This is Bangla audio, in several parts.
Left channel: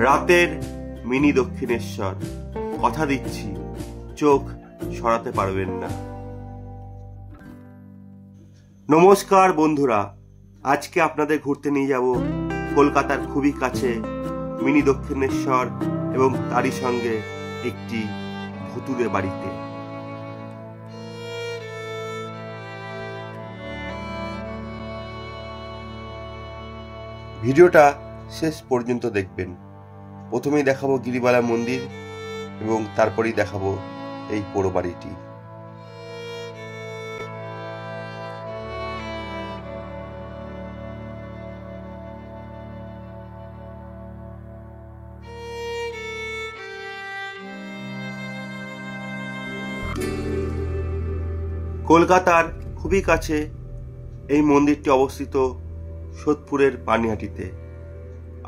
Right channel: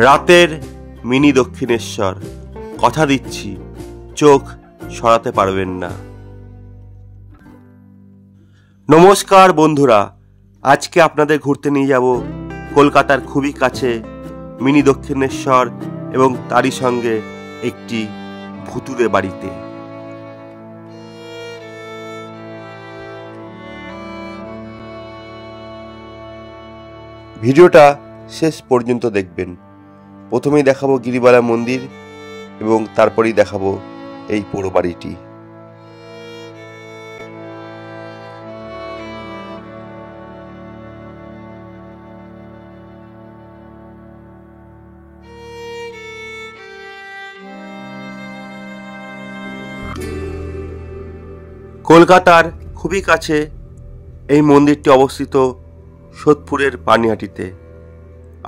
রাতের মিনি দক্ষিণেশ্বর, কথা দিচ্ছি চোখ সরাতে পারবেন না। নমস্কার বন্ধুরা, আজকে আপনাদের ঘুরতে নিয়ে যাব কলকাতার খুবই কাছে মিনি দক্ষিণেশ্বর এবং তারই সঙ্গে একটি ভুতুড়ে বাড়িতে। ভিডিওটা শেষ পর্যন্ত দেখবেন। প্রথমেই দেখাবো গিরিবালা মন্দির এবং তারপরেই দেখাবো এই পোড়ো বাড়িটি। কলকাতার খুবই কাছে এই মন্দিরটি অবস্থিত সোদপুরের পানিহাটিতে।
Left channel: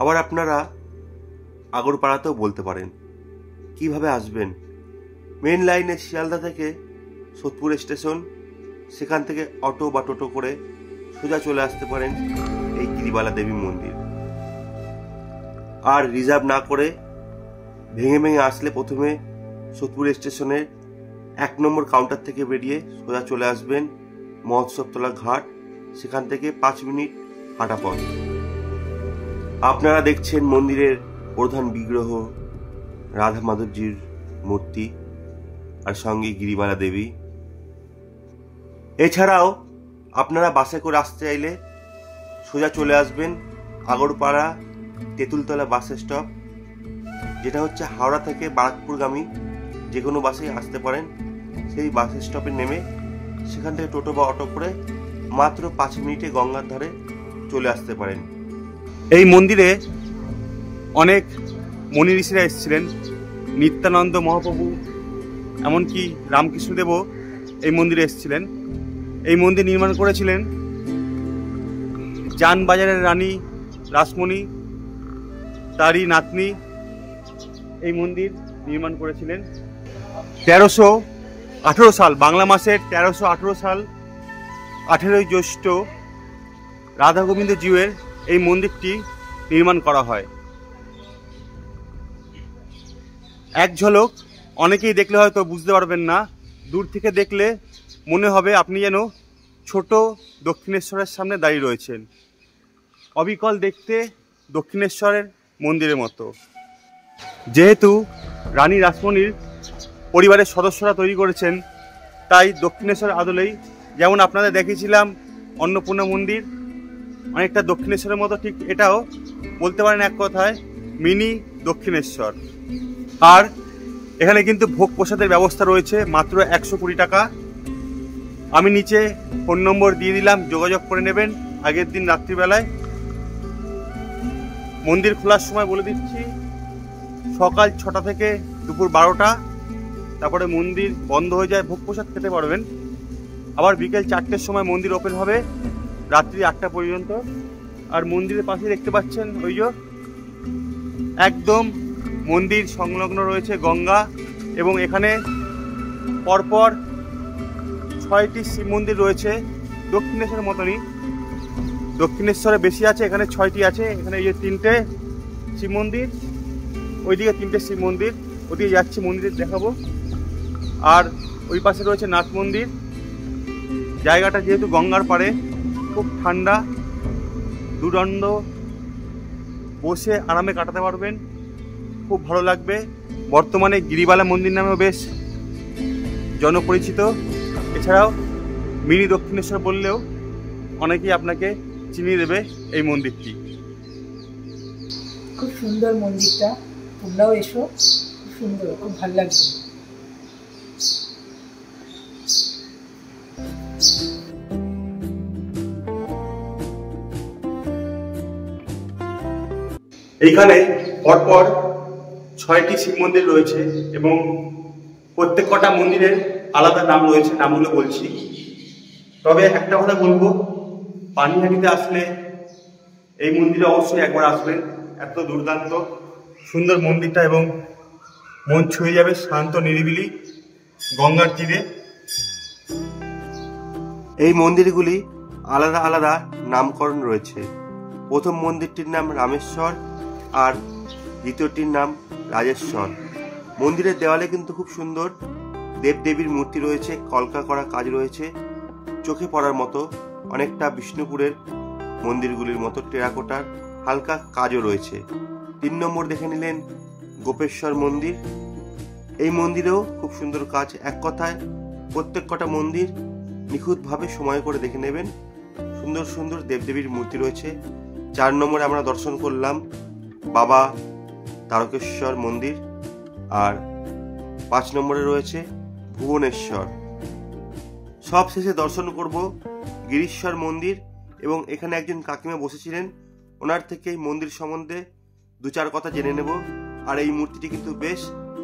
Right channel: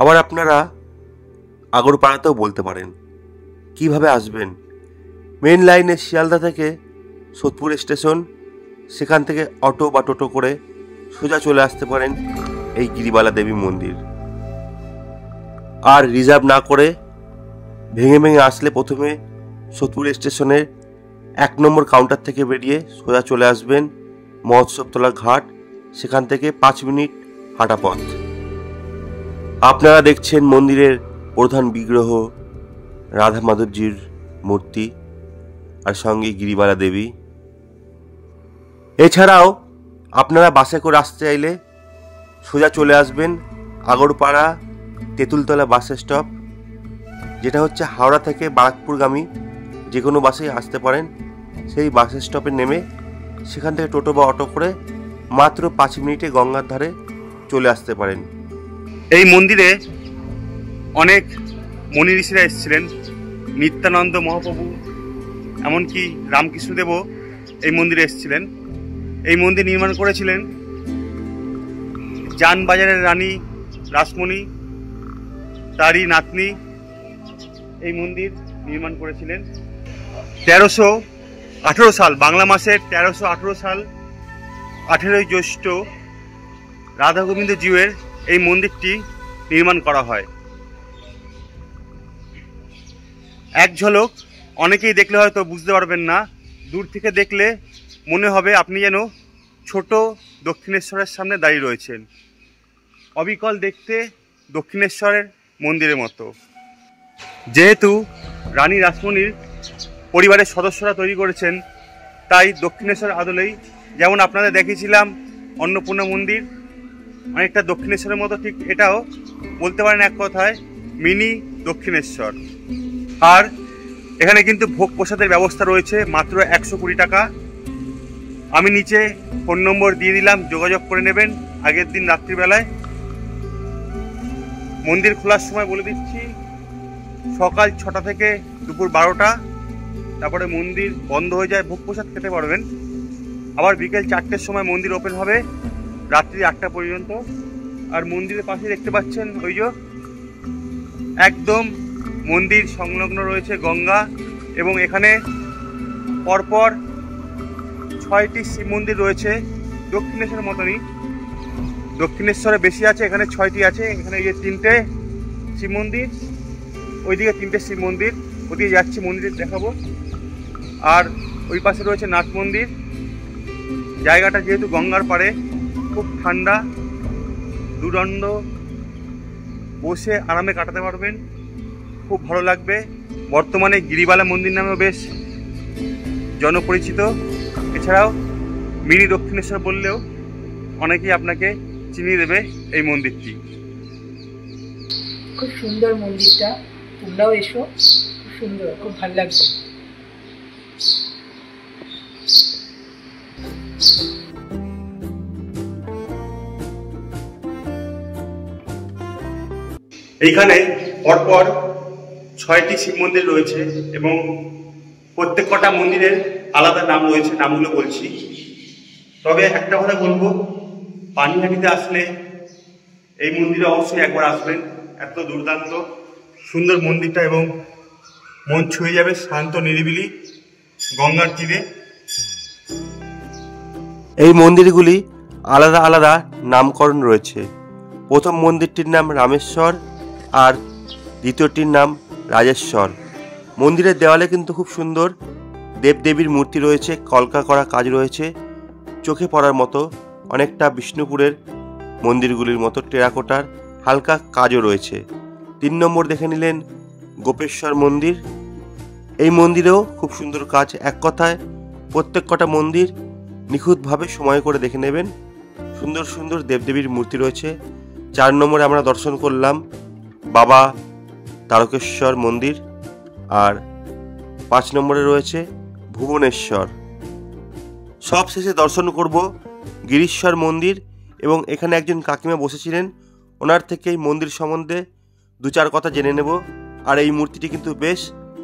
আবার আপনারা আগরপাড়াতেও বলতে পারেন। কিভাবে আসবেন? মেন লাইনে শিয়ালদা থেকে সোদপুর স্টেশন, সেখান থেকে অটো বা টোটো করে সোজা চলে আসতে পারেন এই গিরিবালা দেবী মন্দির। আর রিজার্ভ না করে ভেঙে ভেঙে আসলে প্রথমে সোদপুর স্টেশনের 1 নম্বর কাউন্টার থেকে বেরিয়ে সোজা চলে আসবেন মহোৎসবতলা ঘাট, সেখান থেকে 5 মিনিট হাঁটা পথ। আপনারা দেখছেন মন্দিরের প্রধান বিগ্রহ রাধা মাধবজির মূর্তি আর সঙ্গে গিরিবালা দেবী। এছাড়াও আপনারা বাসে করে আসতে চাইলে সোজা চলে আসবেন আগরপাড়া তেঁতুলতলা বাস স্টপ, যেটা হচ্ছে হাওড়া থেকে বারাকপুরগামী যে কোনো বাসেই আসতে পারেন। সেই বাস স্টপে নেমে সেখান থেকে টোটো বা অটো করে মাত্র 5 মিনিটে গঙ্গার ধারে চলে আসতে পারেন। এই মন্দিরে অনেক মুনি ঋষিরা এসেছিলেন, নিত্যানন্দ মহাপ্রভু, এমনকি রামকৃষ্ণদেবও এই মন্দিরে এসেছিলেন। এই মন্দির নির্মাণ করেছিলেন জানবাজারের রানী রাসমণি, তারই নাতনি এই মন্দির নির্মাণ করেছিলেন। 1318 সাল, বাংলা মাসের 1318 সাল 18ই জ্যৈষ্ঠ রাধা গোবিন্দ জিউয়ের এই মন্দিরটি নির্মাণ করা হয়। এক ঝলক অনেকেই দেখলে হয়তো বুঝতে পারবেন না, দূর থেকে দেখলে মনে হবে আপনি যেন ছোট দক্ষিণেশ্বরের সামনে দাঁড়িয়ে রয়েছেন। অবিকল দেখতে দক্ষিণেশ্বরের মন্দিরের মতো। যেহেতু রানী রাসমণির পরিবারের সদস্যরা তৈরি করেছেন, তাই দক্ষিণেশ্বর আদলেই, যেমন আপনাদের দেখিয়েছিলাম অন্নপূর্ণা মন্দির, অনেকটা দক্ষিণেশ্বরের মতো ঠিক এটাও বলতে পারেন এক কথায় মিনি দক্ষিণেশ্বর। আর এখানে কিন্তু ভোগ প্রসাদের ব্যবস্থা রয়েছে মাত্র 120 টাকা। আমি নিচে ফোন নম্বর দিয়ে দিলাম, যোগাযোগ করে নেবেন আগের দিন রাত্রিবেলায়। মন্দির খোলার সময় বলে দিচ্ছি, সকাল 6টা থেকে দুপুর 12টা, তারপরে মন্দির বন্ধ হয়ে যায়, ভোগ প্রসাদ খেতে পারবেন। আবার বিকেল 4টের সময় মন্দির ওপেন হবে রাত্রি 8টা পর্যন্ত। আর মন্দিরের পাশে দেখতে পাচ্ছেন ওই যে একদম মন্দির সংলগ্ন রয়েছে গঙ্গা, এবং এখানে পরপর 6টি শিব মন্দির রয়েছে দক্ষিণেশ্বরের মতনই। দক্ষিণেশ্বরে বেশি আছে, এখানে 6টি আছে। এখানে এই যে 3টে শিব মন্দির, ওইদিকে 3টে শিব মন্দির, ওদিকে যাচ্ছি মন্দিরে দেখাবো। আর ওই পাশে রয়েছে নাথ মন্দির। জায়গাটা যেহেতু গঙ্গার পাড়ে, খুব ঠান্ডা, দুদণ্ড বসে আরামে কাটাতে পারবেন, খুব ভালো লাগবে। বর্তমানে গিরিবালা মন্দির নামেও বেশ জনপরিচিত। এছাড়াও মিনি দক্ষিণেশ্বর বললেও অনেকেই আপনাকে চিনিয়ে দেবে এই মন্দিরটি। খুব সুন্দর মন্দিরটা, তোমরাও এসো, খুব সুন্দর, খুব ভালো লাগবে। এইখানে পরপর 6টি শিব মন্দির রয়েছে এবং প্রত্যেক কটা মন্দিরের আলাদা নাম রয়েছে, নামগুলো বলছি। তবে একটা কথা বলবো, পানিহাটিতে আসলে এই মন্দিরে অবশ্যই একবার আসবেন। এত দুর্দান্ত সুন্দর মন্দিরটা, এবং মন ছুঁয়ে যাবে, শান্ত নিরিবিলি গঙ্গার তীরে। এই মন্দিরগুলি আলাদা আলাদা নামকরণ রয়েছে। প্রথম মন্দিরটির নাম রামেশ্বর, আর দ্বিতীয়টির নাম রাজেশ্বর। মন্দিরের দেওয়ালে কিন্তু খুব সুন্দর দেবদেবীর মূর্তি রয়েছে, কলকা করা কাজ রয়েছে, চোখে পড়ার মতো। অনেকটা বিষ্ণুপুরের মন্দিরগুলির মতো টেরাকোটার হালকা কাজও রয়েছে। 3 নম্বর দেখে নিলেন গোপেশ্বর মন্দির। এই মন্দিরেও খুব সুন্দর কাজ। এক কথায় প্রত্যেক কটা মন্দির নিখুঁতভাবে সময় করে দেখে নেবেন। সুন্দর সুন্দর দেবদেবীর মূর্তি রয়েছে। 4 নম্বরে আমরা দর্শন করলাম বাবা তারকেশ্বর মন্দির, আর 5 নম্বরে রয়েছে ভুবনেশ্বর। সব শেষে দর্শন করব গিরিশ্বর মন্দির, এবং এখানে একজন কাকিমা বসেছিলেন, ওনার থেকে এই মন্দির সম্বন্ধে 2-4 কথা জেনে নেব। আর এই মূর্তিটি কিন্তু বেশ,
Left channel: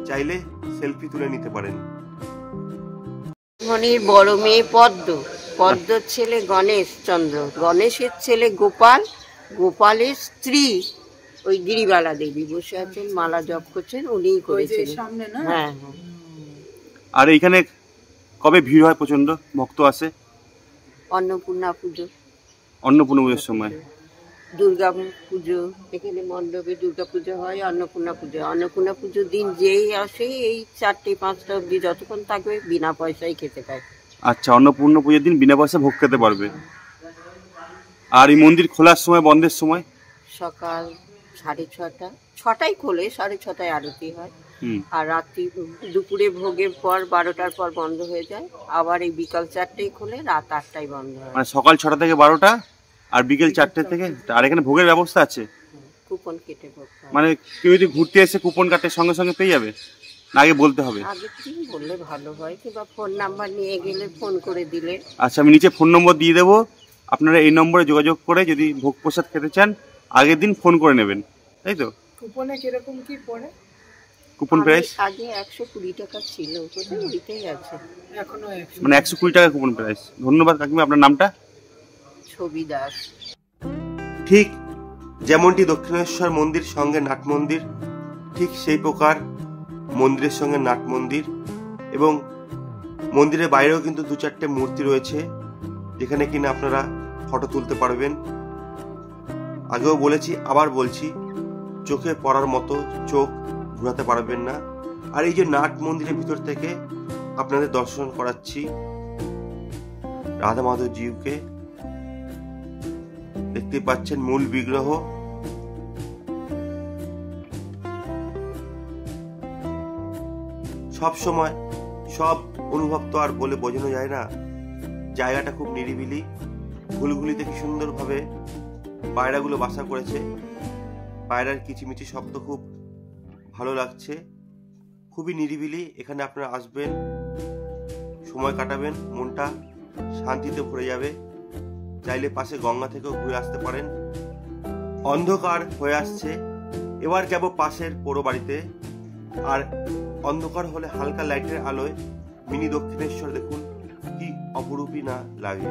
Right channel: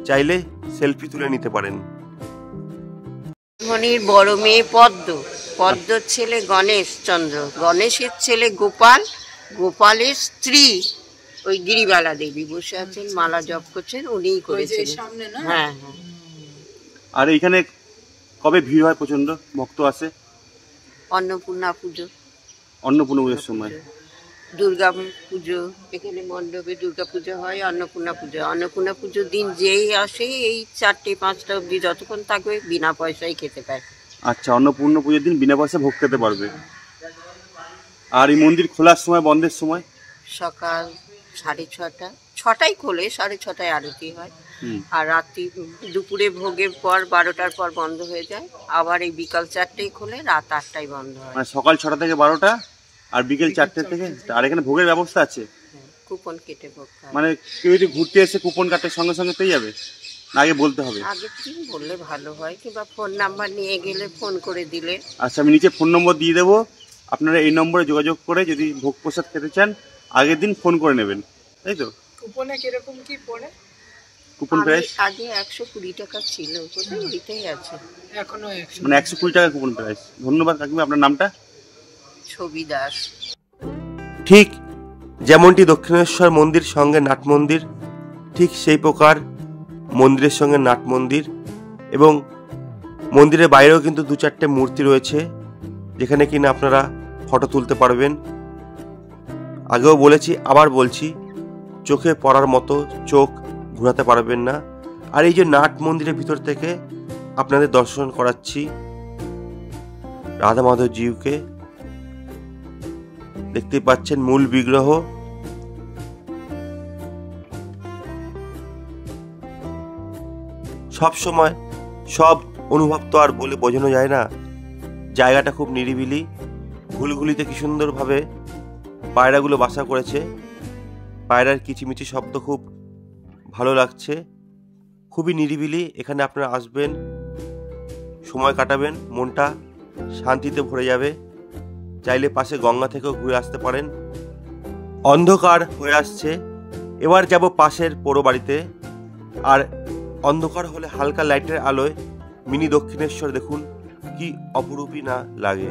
চাইলে সেলফি তুলে নিতে পারেন। মনির বড় মেয়ে পদ্ম, পদ্মর ছেলে গণেশ চন্দ্র, গণেশের ছেলে গোপাল, গোপালের স্ত্রী ওই গিরিবালা দেবী বসে আছেন, মালা জপ করছেন, উনিই করেছিলেন। হ্যাঁ হ্যাঁ। আর এইখানে কবে ভিড় হয়? প্রচন্ড ভক্ত আসে। অন্নপূর্ণা পুজো, অন্নপূর্ণা পুজোর সময়, দুর্গা পুজো, এখানে মণ্ডপে দুর্গা পুজো হয়, অন্নপূর্ণা পুজো। অন্নপূর্ণা পুজোর দিন যেই আসে এই 4টে-5টা অবধি যতক্ষণ থাকবে বিনা পয়সায় খেতে পায়। আচ্ছা, অন্নপূর্ণা পুজোর দিন বিনা পয়সা ভোগ খেতে পারবে। আর এই মন্দির খোলার সময়, বন্ধের সময়? সকাল 6:30, 6টায় খোলে, 6:30টায় আরতি হয়। আর রাত্রি দুপুরে ভোগের পর 12টার পর বন্ধ হয়ে যায়। আবার এই বিকাল 4টায় খোলে, রাত 8টায় বন্ধ হয়। মানে সকাল 6টা থেকে 12টা আর বিকেল 4টে থেকে। আর এখানে ভোগের ব্যবস্থা আছে? কুপন কেটে ভোগ খায়। মানে কেউ যদি ঘুরতে এসে কুপন কাটে সঙ্গে সঙ্গে পেয়ে যাবে, না আগে বলতে হবে? আগের দিন বললে ভালো হয়, কিংবা ফোন নাম্বার নিয়ে গেলে ফোন করে দিলে। আচ্ছা, আমি নিচে ফোন নম্বর দিয়ে দেবো, আপনারা এই নম্বরে যোগাযোগ করে যদি ভোগ প্রসাদ খেতে চান আগের দিন ফোন করে নেবেন, তাই তো? কুপনে কিরকম কি পড়ে? কুপন প্রাইস আগে 120 টাকা ছিল, কোথায় ওইটাই আছে এখনো 100, মানে 120 টাকা কুপন প্রাইস। ধন্যবাদ কাকিমা। আপনার নামটা? ছবি দাস। ঠিক যেমনটি দক্ষিণেশ্বর মন্দির সঙ্গে নাট মন্দির, ঠিক সেই প্রকার মন্দিরের সঙ্গে নাট মন্দির। এবং মন্দিরের বাইরেও কিন্তু 2-4টে মূর্তি রয়েছে, যেখানে কিনা আপনারা ফটো তুলতে পারবেন। আগেও বলেছি, আবার বলছি, চোখে পড়ার মতো, চোখ ঘোরাতে পারবেন না। আর এই যে নাট মন্দিরের ভিতর থেকে আপনাদের দর্শন করাচ্ছি রাধা মাধব জিউকে। দেখতেই পাচ্ছেন মূল বিগ্রহ। সব সময় সব অনুভব তো আর বলে বোঝানো যায় না। জায়গাটা খুব নিরিবিলি, ঘুলঘুলিতে কি সুন্দরভাবে পায়রাগুলো বাসা করেছে। পায়রার কিচিমিচি শব্দ খুব ভালো লাগছে। খুবই নিরিবিলি, এখানে আপনারা আসবেন, সময় কাটাবেন, মনটা শান্তিতে ভরে যাবে। চাইলে পাশে গঙ্গা থেকেও ঘুরে আসতে পারেন। অন্ধকার হয়ে আসছে, এবার যাব পাশের পোড়ো বাড়িতে। আর অন্ধকার হলে হালকা লাইটের আলোয় মিনি দক্ষিণেশ্বর দেখুন কি অপরূপই না লাগে।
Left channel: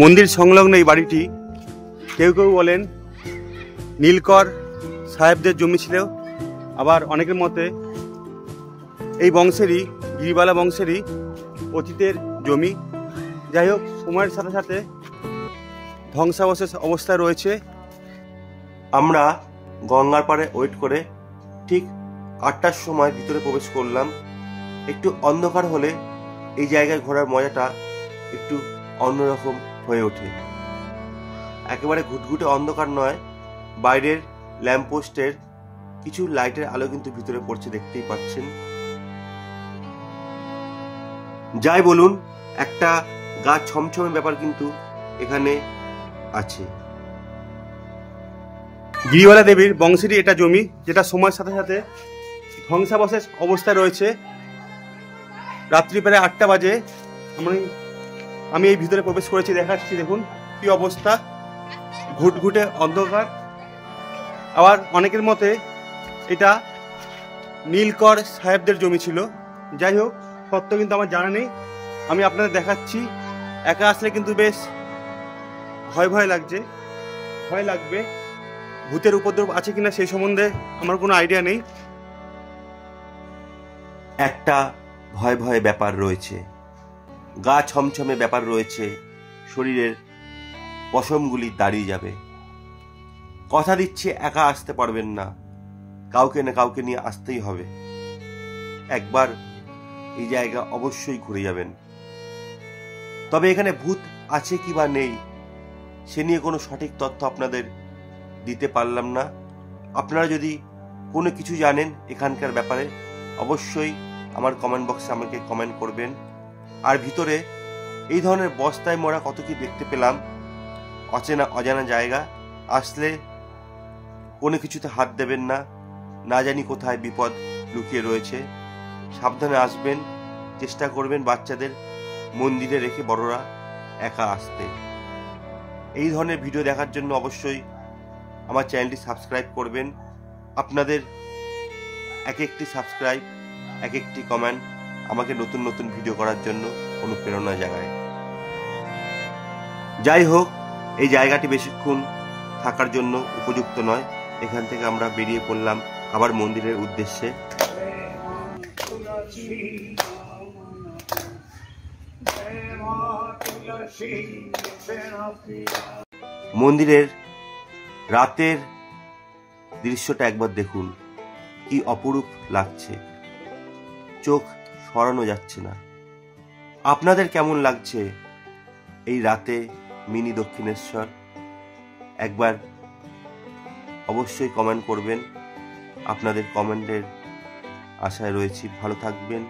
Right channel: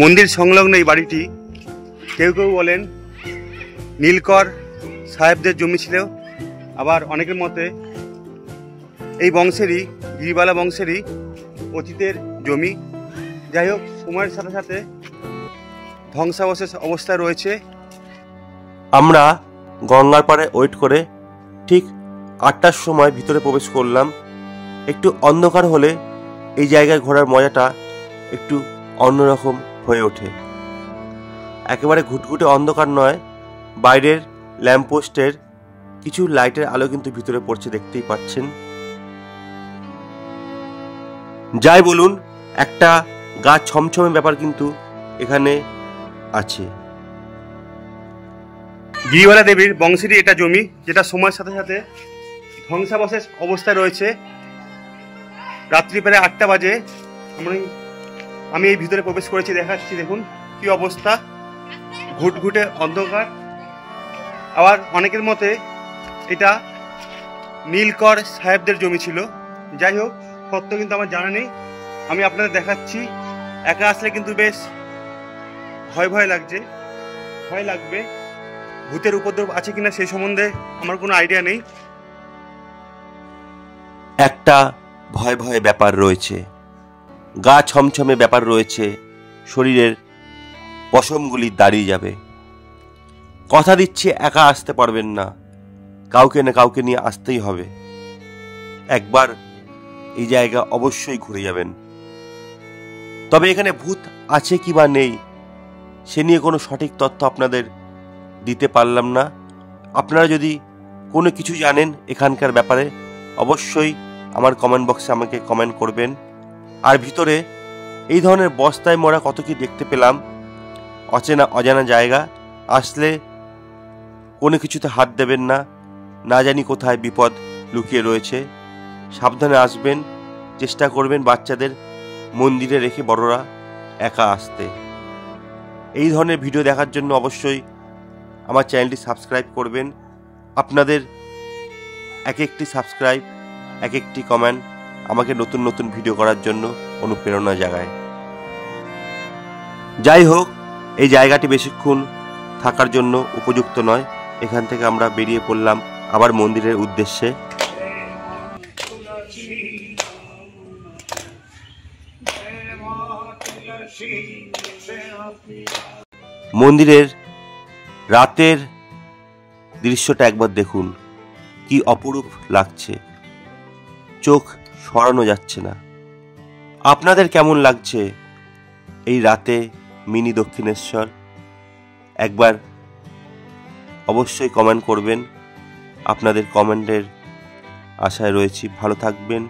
মন্দির সংলগ্ন এই বাড়িটি কেউ কেউ বলেন নীলকর সাহেবদের জমি ছিল, আবার অনেকের মতে এই বংশেরই, গিরিবালা বংশেরই অতীতের জমি। যাই হোক, সময়ের সাথে সাথে ধ্বংসাবশেষ অবস্থায় রয়েছে। আমরা গঙ্গার পাড়ে ওয়েট করে ঠিক 8টার সময় ভিতরে প্রবেশ করলাম। একটু অন্ধকার হলে এই জায়গায় ঘোরার মজাটা একটু অন্যরকম হয়ে ওঠে। একেবারে ঘুটঘুটে অন্ধকার নয়, বাইরের ল্যাম্পপোস্টের কিছু লাইটের আলো কিন্তু ভিতরে পড়ছে, দেখতেই পাচ্ছেন। যাই বলুন, একটা গা ছমছমে ব্যাপার কিন্তু এখানে আছে। গিরিবালা দেবীর বংশেরই এটা জমি, যেটা সময়ের সাথে সাথে ধ্বংসাবশেষ অবস্থায় রয়েছে। রাত্রি প্রায় 8টা বাজে আমি এই ভিতরে প্রবেশ করেছি, দেখাচ্ছি। দেখুন কি অবস্থা, ঘুটঘুটে অন্ধকার। আবার অনেকের মতে এটা নীলকর সাহেবদের জমি ছিল। যাই হোক, সত্য কিন্তু আমার জানা নেই, আমি আপনাদের দেখাচ্ছি। একা আসলে কিন্তু বেশ ভয় ভয় লাগছে, ভয় লাগবে। ভূতের উপদ্রব আছে কিনা সেই সম্বন্ধে আমার কোনো আইডিয়া নেই। একটা ভয় ভয় ব্যাপার রয়েছে, গা ছমছমে ব্যাপার রয়েছে, শরীরের পশমগুলি দাঁড়িয়ে যাবে। কথা দিচ্ছি একা আসতে পারবেন না, কাউকে না কাউকে নিয়ে আসতেই হবে। একবার এই জায়গা অবশ্যই ঘুরে যাবেন। তবে এখানে ভূত আছে কি বা নেই সে নিয়ে কোনো সঠিক তথ্য আপনাদের দিতে পারলাম না। আপনারা যদি কোনো কিছু জানেন এখানকার ব্যাপারে অবশ্যই আমার কমেন্ট বক্সে আমাকে কমেন্ট করবেন। আর ভিতরে এই ধরনের বস্তায় মোড়া কত কি দেখতে পেলাম। অচেনা অজানা জায়গা, আসলে কোনো কিছুতে হাত দেবেন না, না জানি কোথায় বিপদ লুকিয়ে রয়েছে। সাবধানে আসবেন, চেষ্টা করবেন বাচ্চাদের মন্দিরে রেখে বড়রা একা আসতে। এই ধরনের ভিডিও দেখার জন্য অবশ্যই আমার চ্যানেলটি সাবস্ক্রাইব করবেন। আপনাদের এক একটি সাবস্ক্রাইব, এক একটি কমেন্ট আমাকে নতুন নতুন ভিডিও করার জন্য অনুপ্রেরণা জাগায়। যাই হোক, এই জায়গাটি বেশিক্ষণ থাকার জন্য উপযুক্ত নয়। এখান থেকে আমরা বেরিয়ে পড়লাম আবার মন্দিরের উদ্দেশ্যে। মন্দিরের রাতের দৃশ্যটা একবার দেখুন, কি অপরূপ লাগছে, চোখ সরানো যাচ্ছে না। আপনাদের কেমন লাগছে এই রাতে মিনি দক্ষিণেশ্বর? একবার অবশ্যই কমেন্ট করবেন, আপনাদের কমেন্টের আশায় রয়েছি। ভালো থাকবেন,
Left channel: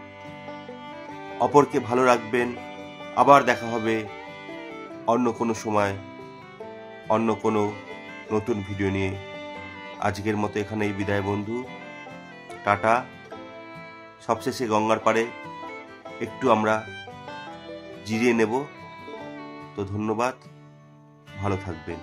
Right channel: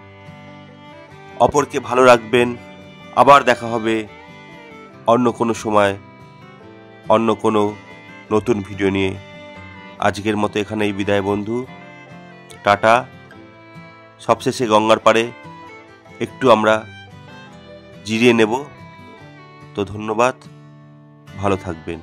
অপরকে ভালো রাখবেন। আবার দেখা হবে অন্য কোনো সময়, অন্য কোনো নতুন ভিডিও নিয়ে। আজকের মতো এখানেই বিদায় বন্ধু, টাটা। সবশেষে গঙ্গার পাড়ে একটু আমরা জিরিয়ে নেব। তো ধন্যবাদ, ভালো থাকবেন।